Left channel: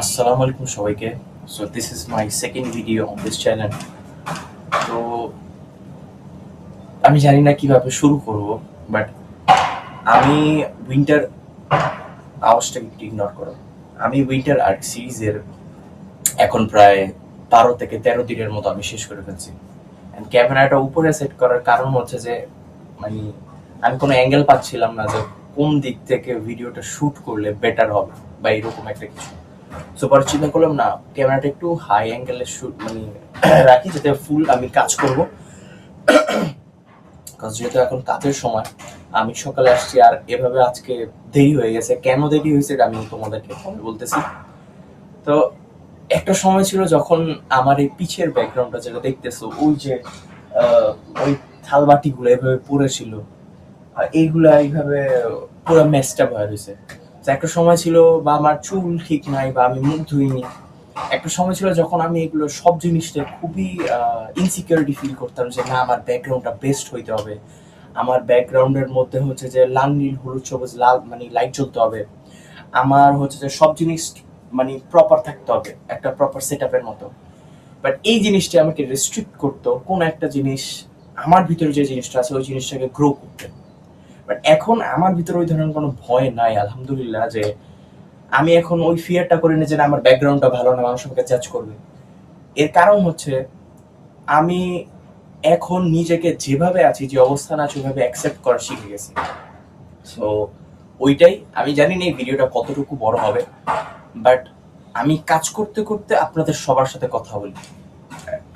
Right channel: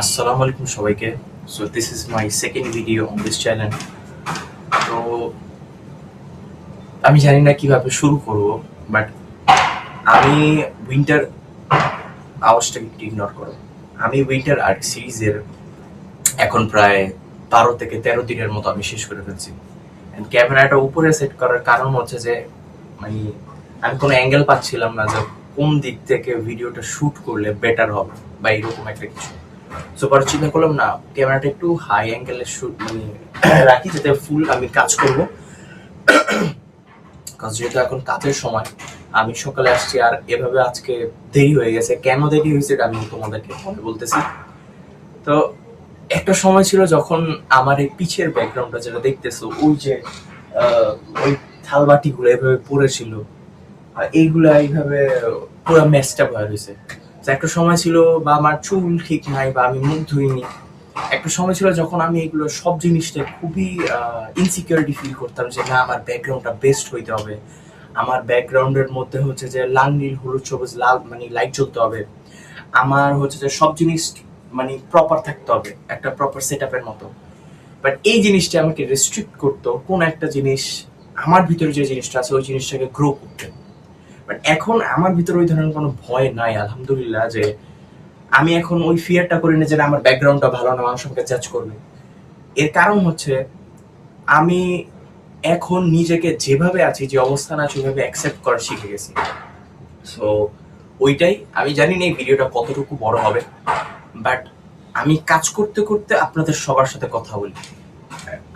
আসসালামু আলাইকুম সবাইকে। So this is my second video on this channel. তো আমি জানি না কিভাবে শুরু করব, বাট আমি উইন্টার আওয়াজটাকে একটু ইগনোর করো। আমি উইন্টার আর্ক সিরিজের এখন প্রায় 12 থেকে 13 দিনের মতো আমি শেষ করে ফেলছি। অ্যান্ড ক্যামেরাটা উপরে সেট করার কারণ হচ্ছে যে মানে আমি কোনো অ্যাঙ্গেল পাচ্ছিলাম না যে কোন দিক থেকে ভিডিওটা শুট করলে বেটার হবে বা এরকম একটা কিছু। সো পরে চিন্তা করলাম না, ক্যামেরাটা একটু হাই অ্যাঙ্গেলে শুট রাখি যাতে ফুল আমি কাজ করব। কারণ যেহেতু এখন কাজের সময়, আমি সকালে আসছি আর এভাবে আজকে দেরি হয়ে গেছে। কেন দেরি হয়েছে এটা আমি তোমাদেরকে পরে বলতেছি। তো একটা সময় ছিল যখন আমার এই পিছের ব্যাকগ্রাউন্ডটা যেটা দেখতেছো, ওই যে ওই থালবাটিগুলো এভাবে পড়েছিল, এইগুলা এইভাবে পুরো ম্যাচটা ভয় রয়েছে। তো একটা সময় ছিল বা আমার চুল ঠিক নাই বা আমি মুখ ধুইনি। একটা সময় ছিল যখন আমি এগুলো সব জিনিসটা খুবই ইনসিকিউরিটি ফিল করতাম যে না, আমার ব্যাকগ্রাউন্ডটা বেস্ট হইতে হবে, আমার ব্যাকগ্রাউন্ডের মধ্যে হচ্ছে যে লাল নীল হলুদ সবুজ লাল লাইট জ্বলতে হবে, আমার হচ্ছে যে সব জিনিস প্রপার থাকতে হবে একটা প্রপার সেট আপের মতো। বাট এই জিনিসটা আমাকে রেস্ট্রিক্ট করতো কোন একটা জিনিস আমার ভিতরে যে জিনিসটা আছে ওই জিনিসটাকে গ্রো করতে। বাট এখন আমার ভিতরে ওই ধরনের কোনো ভয় নাই, আলহামদুলিল্লাহ, যে আমি এখন ওই ফিয়ারটা করি না যে আমার ব্যাকগ্রাউন্ডটা ভালো না, মানুষ আমাকে জাজ করবে। এর কারণ হচ্ছে আমি এখন নিজেকে যেভাবে আছি, যে অবস্থান আছে ওইভাবে অ্যাকসেপ্ট করা শিখে গেছি। সো ওইটাই, আমি জানি না এই ভিডিওটা কতটুকু বড় হবে, বাট আমি কাজ করতে করতে আপনাদের সবার সাথে কথা বলি।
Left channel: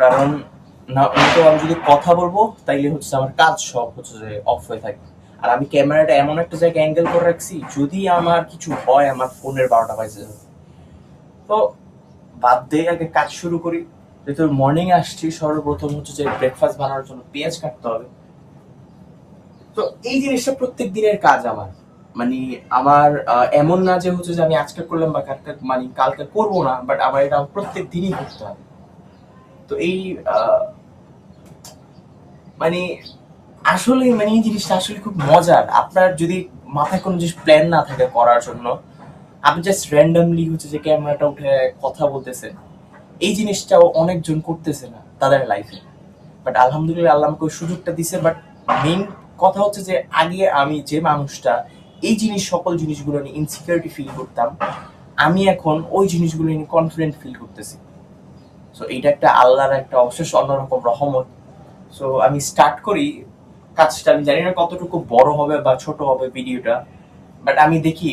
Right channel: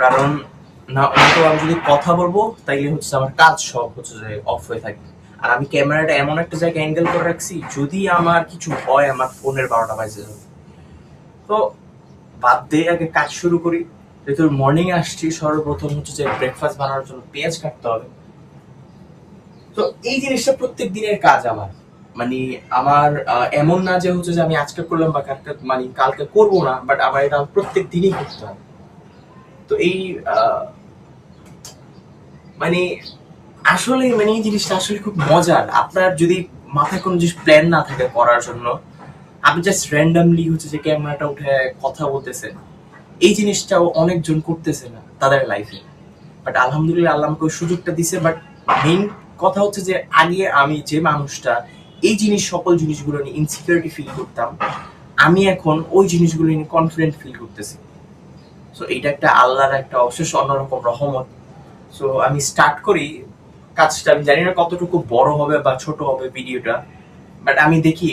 কারণ না তো আমি যদি কথা বলবো তাইলে হচ্ছে আমার কাজ সব হচ্ছে যে অফ হয়ে থাকবে। আর আমি ক্যামেরাটা এমন একটা জায়গায় অ্যাঙ্গেল করে রাখছি, যদি আমার কিছু হয় আমার ফোনের 12টা বাজে যাবে। তো বাদ দিয়ে আগে কাজ শুরু করি। যেহেতু মর্নিং আসছি, সর্বপ্রথম হচ্ছে যে ব্রেকফাস্ট বানানোর জন্য পেঁয়াজ কাটতে হবে। তো এই জিনিসটা প্রত্যেক দিনের কাজ আমার। মানে আমার এমন না যে হচ্ছে যে আমি আজকে করলাম বা কালকে কালকে করবো না, বাট আমার এটা প্রত্যেক দিনই করতে হয়। তো এই মানে আসলে এই জিনিসটা আসলে খুব মজার। আপনার যদি মাথায় কোনো জিনিস প্ল্যান না থাকে করার জন্য, আপনি জাস্ট র্যান্ডামলি হচ্ছে যে ক্যামেরাটা উঠে কথা বলতেছেন, এই জিনিসটাও অনেকজন করতেছে না তাদের লাইফে। বাট আলহামদুলিল্লাহ আল্লাহ আমাকে ওই সুযোগটা দিছে। বাট মেইন কথা হচ্ছে যে আগে আমি যে মানুষটা এই সকল জিনিসগুলো নিয়ে ইনসিকিউরিটি ফিল করতাম, আমি এখন ওই জিনিসগুলো নিয়ে কনফিডেন্ট ফিল করতেছি। সো এইটা একটা আল্লাহর একটা অশেষ অন্যরকম রহমত। সো আমি স্টার্ট করি কাজটা। আমি জানি না কতটুকু বড় হবে বা ছোট হবে ভিডিওটা, বাট আমি দেখি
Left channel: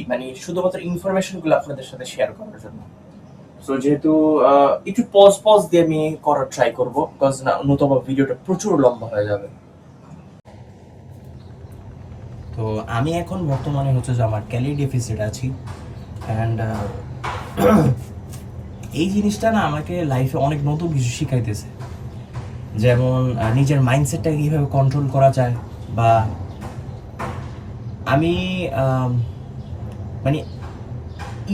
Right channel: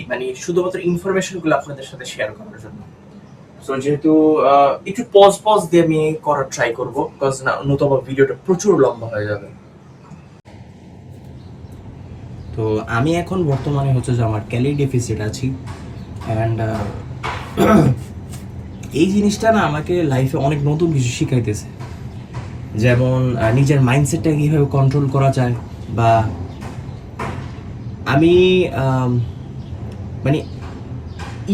শুধুমাত্র ইনফরমেশন গুলো আপনাদের সাথে শেয়ার করার জন্য। সো যেহেতু একটু পজ পজ দিয়ে আমি করার ট্রাই করবো, বিকজ নতুবা ভিডিওটা প্রচুর লম্বা হয়ে যাবে। তো আমি এখন বর্তমানে হচ্ছে যে আমার ক্যালোরি ডেফিসিট আছি। অ্যান্ড এই জিনিসটা না আমাকে লাইফে অনেক নতুন কিছু শিখাইতেছে। যেমন নিজের মাইন্ডসেটটাকে কীভাবে কন্ট্রোল করা যায়, বা আমি মানে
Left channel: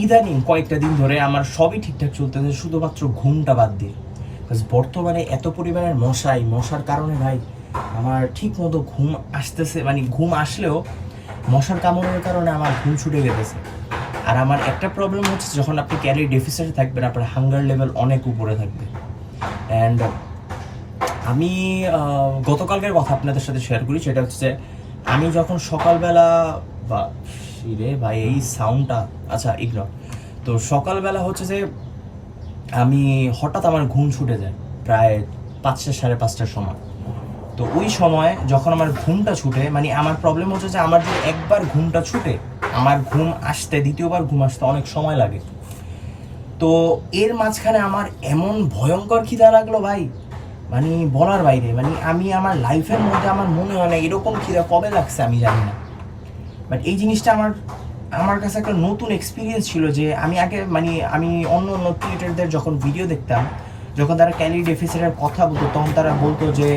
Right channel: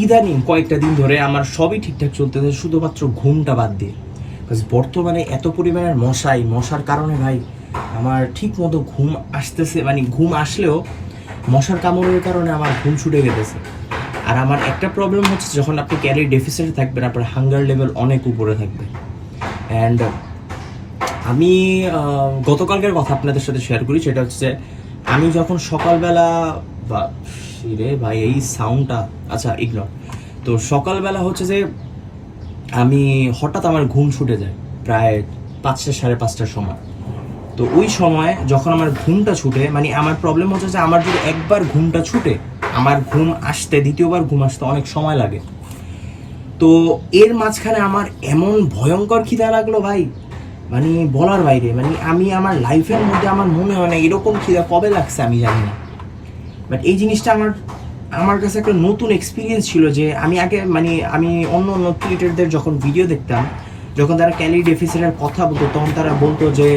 ইদানিং কয়েকটা দিন ধরে আমার সবই ঠিকঠাক চলতেছে, শুধুমাত্র ঘুমটা বাদ দিয়ে। বর্তমানে এত পরিমাণের মশার কারণে ভাই আমার ঠিক মতো ঘুম আসতেছে, ঘুম আসলেও মশার কামড়ের কারণে আমার ঘুম ছুটে গেতেছে। আর আমার একটা প্রবলেম হচ্ছে, যখন আপনি ক্যালোরি ডেফিসিটে থাকবেন আপনার হাঙ্গার লেভেল অনেক উপরে থাকবে। অ্যান্ড আমি গতকালকের কথা আপনাদের সাথে শেয়ার করি। সেটা হচ্ছে আমি যখন সকালবেলা বা রে ভাই এই সাউন্ডটা, আচ্ছা ইগনোর। তো সকালবেলা হচ্ছে যে আমি হঠাৎ আমার ঘুম ছুটে যায় প্রায় 5টা 5:30টার সময়। তো ওই সময় যখন আমার ঘুমটা ছুটে, আমার প্রবলেম হচ্ছে যে আমার যদি একবার ঘুমটা ছুটে, আমার ঘুম আসতে দ্বিতীয়বার ঘুম আসতে অনেক সময় লাগে। তো এর মাঝখানে আমার এমন ভয়ঙ্কর খিদা লাগলো ভাই, বলার বাইরে। আমি আমার লাইফের মধ্যে আমার মনে হয় না এরকম খিদা কবে লাগছে, আমি জানি না। বাট এই জিনিসটা আমার কাছে একটা নতুন এক্সপিরিয়েন্স ছিল। যে আমি আগে আমি অন্য ক্রিয়েটরদের যখন ভিডিও দেখতাম, যখন তারা ক্যালোরি ডেফিসিটের কথা বলতো, তখন তারা বলতো যে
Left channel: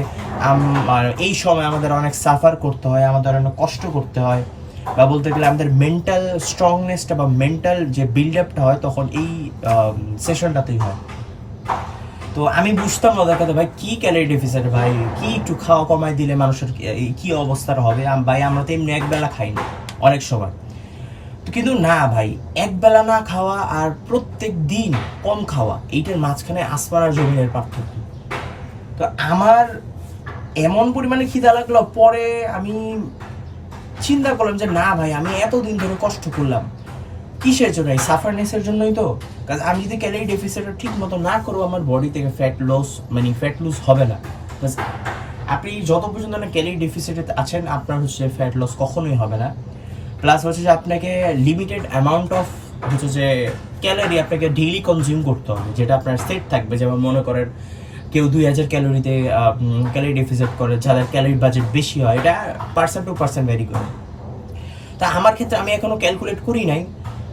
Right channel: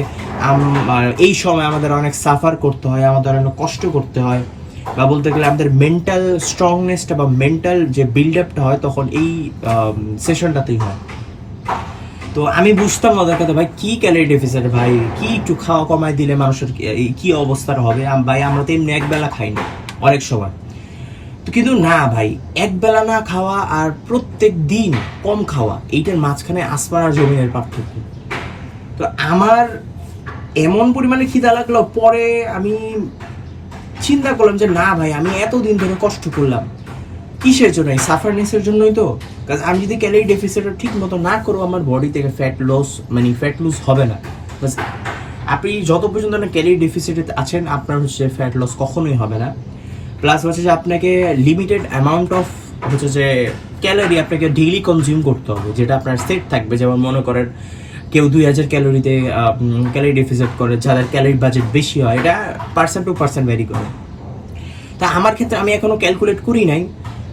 এই সময় আমাদের অনেক সাফার করতে হয়, আমাদের অনেক কষ্ট করতে হয়, বা বলতে গেলে আমাদের মেন্টাল স্ট্রংনেসটা বা মেন্টাল যে বিল্ড আপটা হয় তখন এই সেশনটাতেই হয়। তো আমি বুঝতাম না কথা, ভাই কি ক্যালোরি ডেফিসিট, ভাই কি একটু খাওয়া কমায় দিলে মানুষের কি অবস্থাটা হবে। ভাই আমরা তো এমনি একবেলা খাই না অনেক সময়। কিন্তু না ভাই, একবেলা না খাওয়া আর প্রত্যেক দিন কম খাওয়া, এইটার মাঝখানে আসমান আর জমিনের পার্থক্য। তো আমার এমন পরিমাণে খিদা লাগলো, পরে আমি চিন্তা করলাম যে না ভাই, আমি এতদিন ধরে কষ্ট করলাম কিসের জন্য? এই সাফারনেসের জন্যই তো। কারণ আমি যদি ক্যালোরি ডেফিসিটটা ঠিক মতো না করবো, আমার বডি থেকে ফ্যাট লস, মানে ফ্যাট লুজ হবে না। আপনি যত পর্যন্ত না ক্যালোরি ডেফিসিটে আছেন, আপনার হচ্ছে ফ্যাট লস কখনোই হবে না। প্লাস হচ্ছে যে আপনাকে লিমিটেড অ্যামাউন্ট অফ হচ্ছে যে ক্যালোরি আপনাকে ডেইলি কনজিউম করতে হবে, যেটা আপনার সেট থাকবে। যেমন মনে করেন কেউ 2000 ক্যালোরিতে ক্যালোরি ডেফিসিট করে, যাদের ক্যালোরি বাজেট বেশি হয়, এটা পার্সন টু পার্সন ভ্যারি করে। তা আমার ক্ষেত্রে আমি এখনো ক্যালকুলেট করি নাই,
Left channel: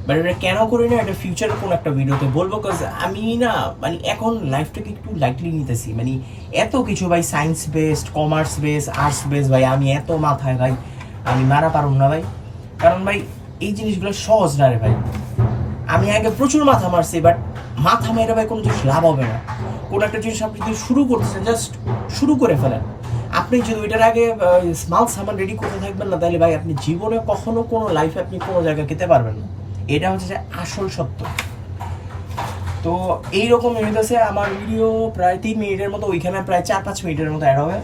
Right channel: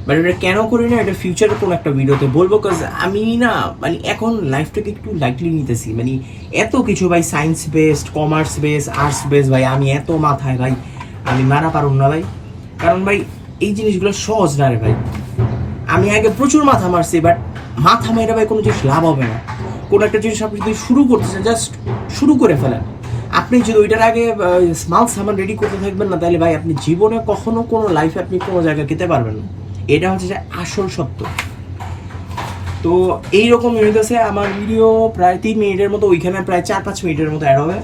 বাট এটা কেন করি না এটা ফিউচারের কোনো একটা ভিডিওতে বলবো। কজ আমি না মানে এখন লাইফটাকে একটু লাইটলি নিতেছি, মানে এত কিছু ভাই, science based, commerce base, arts base, ভাই আমি এত মাথায় ভাই, আমি মারা পারুম না ভাই। কারণ ভাই এই জিনিসগুলো সহজ না রে ভাই। আমি আগে প্রচুর মাথা মারছি, বাট মাথা মেরে ভাই কোনো জিনিস লাভ হবে না। কোনো একটা জিনিস আপনি যদি শুরু করতেছেন, জাস্ট শুরু করে ফেলেন। আপনি যদি ওইটার আগে স্মল সামান রেডি করতে থাকবেন না, তাহলে ভাই আপনি জীবনে কখনো কোনো লাইফে আপনি কোনো জায়গায় যেতে পারবেন না। এটা হচ্ছে যে আসল সত্য। তো এইরকম হইতেছে আমার ভিডিও প্রায় 3 মিনিটের মতো, ওইখানে প্রায় 4-5 মিনিটের মতো অ্যাড হবে।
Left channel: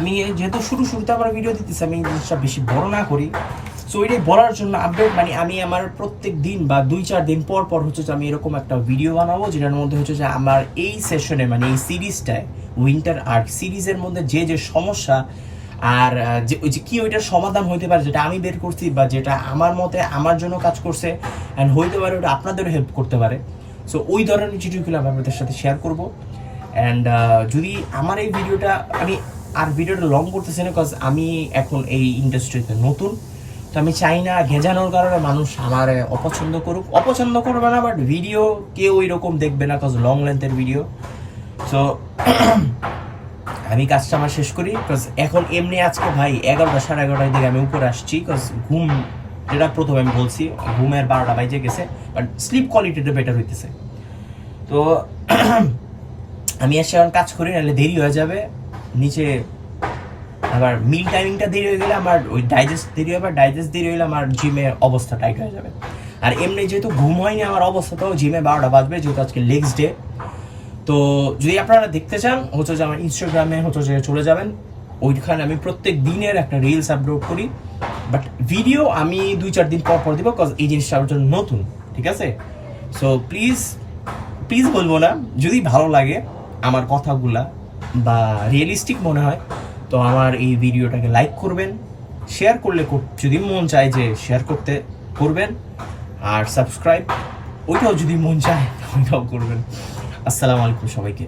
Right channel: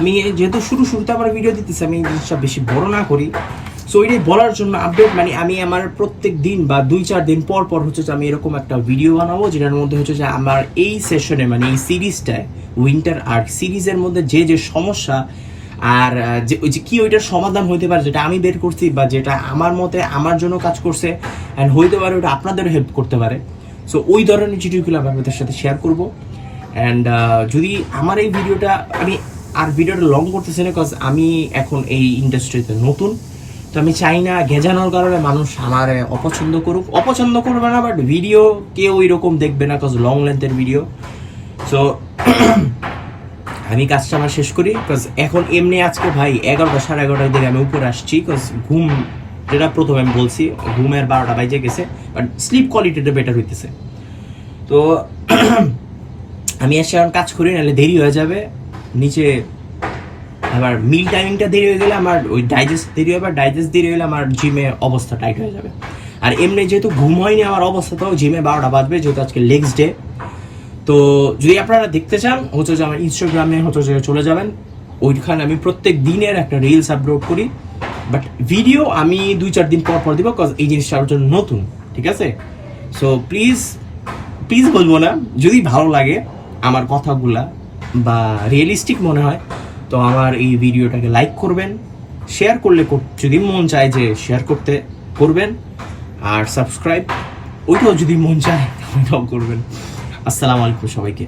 আমি যেহেতু শুরুতে আমার ভিডিও দিতেছি, আমি জিনিসটা বেশি বড় না করি। সো এটাই বলার জন্য আপডেট, মানে আমি আমার প্রত্যেক দিন বা 2-4 দিন পর পর হচ্ছে যে আমি এরকম একটা ভিডিও বানাবো, যেটার মধ্যে হচ্ছে যে আমার এই সেশনে, মানে এই সিরিজটায়, উইন্টার আর্ট সিরিজের মধ্যে যে যে সমস্যা আর যে ওই যে কি ওইটার সমাধান হইতে পারে, যেটা আমি বের করছি বা যেটা আমার মতে আমার জন্য কাজ করছে অ্যান্ড হইতে পারে ওটা আপনাদেরও হেল্প করতে পারে। সো ওই ধরনের ভিডিওগুলো আমি আপনাদের সাথে শেয়ার করবো। অ্যান্ড যদি আমার এই ভিডিওটা, আমি আর ভিডিওটা লং করতেছি না, বিকজ আমি এখন এই ইন্ডাস্ট্রিতে নতুন। তো আমি চাই না গেজানোর কারণে মানুষ আমার অপছন্দ করবে না, বাট ভিডিও কেউ এরকম দেখবে না, বিকজ লং লেন্থের ভিডিও। সো আমি কাজটা আমরা শেষ করি, বিকজ এখন এমনি আজকে ভাই 11টা 11:30 দিকে আমি উপরে আসছি, বিকজ ঘুম, যেটা প্রথমে আমি বলছি, ঘুমের 12টা বাজে গেছে, বাট স্লিপ কোয়ালিটিটা বেটার হইতেছে। তো আমি এসে এখন কাজ করি, নাহলে দেরি হয়ে যাবে। নিচে আবার মিল টাইমিংটা দেরি হয়ে গেলে আমার ওই ডাইজেস্ট দেরি হবে, ডাইজেস্ট দেরি হলে আমার জিমে অবস্থা টাইট হয়ে যাবে। আর এমনি যেহেতু ঘুম হয়নি আমার অবস্থাটাও, জিমে 12টা বাজবে, যেহেতু আজকে লেগস ডে। তো যদি আপনারা দেখতে চান হচ্ছে যে আমার ইনস্টাগ্রামে হচ্ছে যে চলে যাবেন, ওইখানে আমি প্রত্যেক দিনের একটা রিলস আপলোড করি, বাট ভিডিও আমি 2-4 দিন পর পর দিব, বিকজ এই জিনিসটা আমার জন্য নতুন, ঠিক আছে? সো প্লিজ বলবো না, যদি ভালো লাগে আমার কথাগুলা বা রিয়েলিস্টিক মনে হয়, তো আমার এই ভিডিওটাকে লাইক করবেন, শেয়ার করলে যদি মন চায় যে শেয়ার করতে করবেন, আর সাবস্ক্রাইব ওইটাও যদি মন চায় ওইটাও করবেন। আসসালামু আলাইকুম সবাইকে।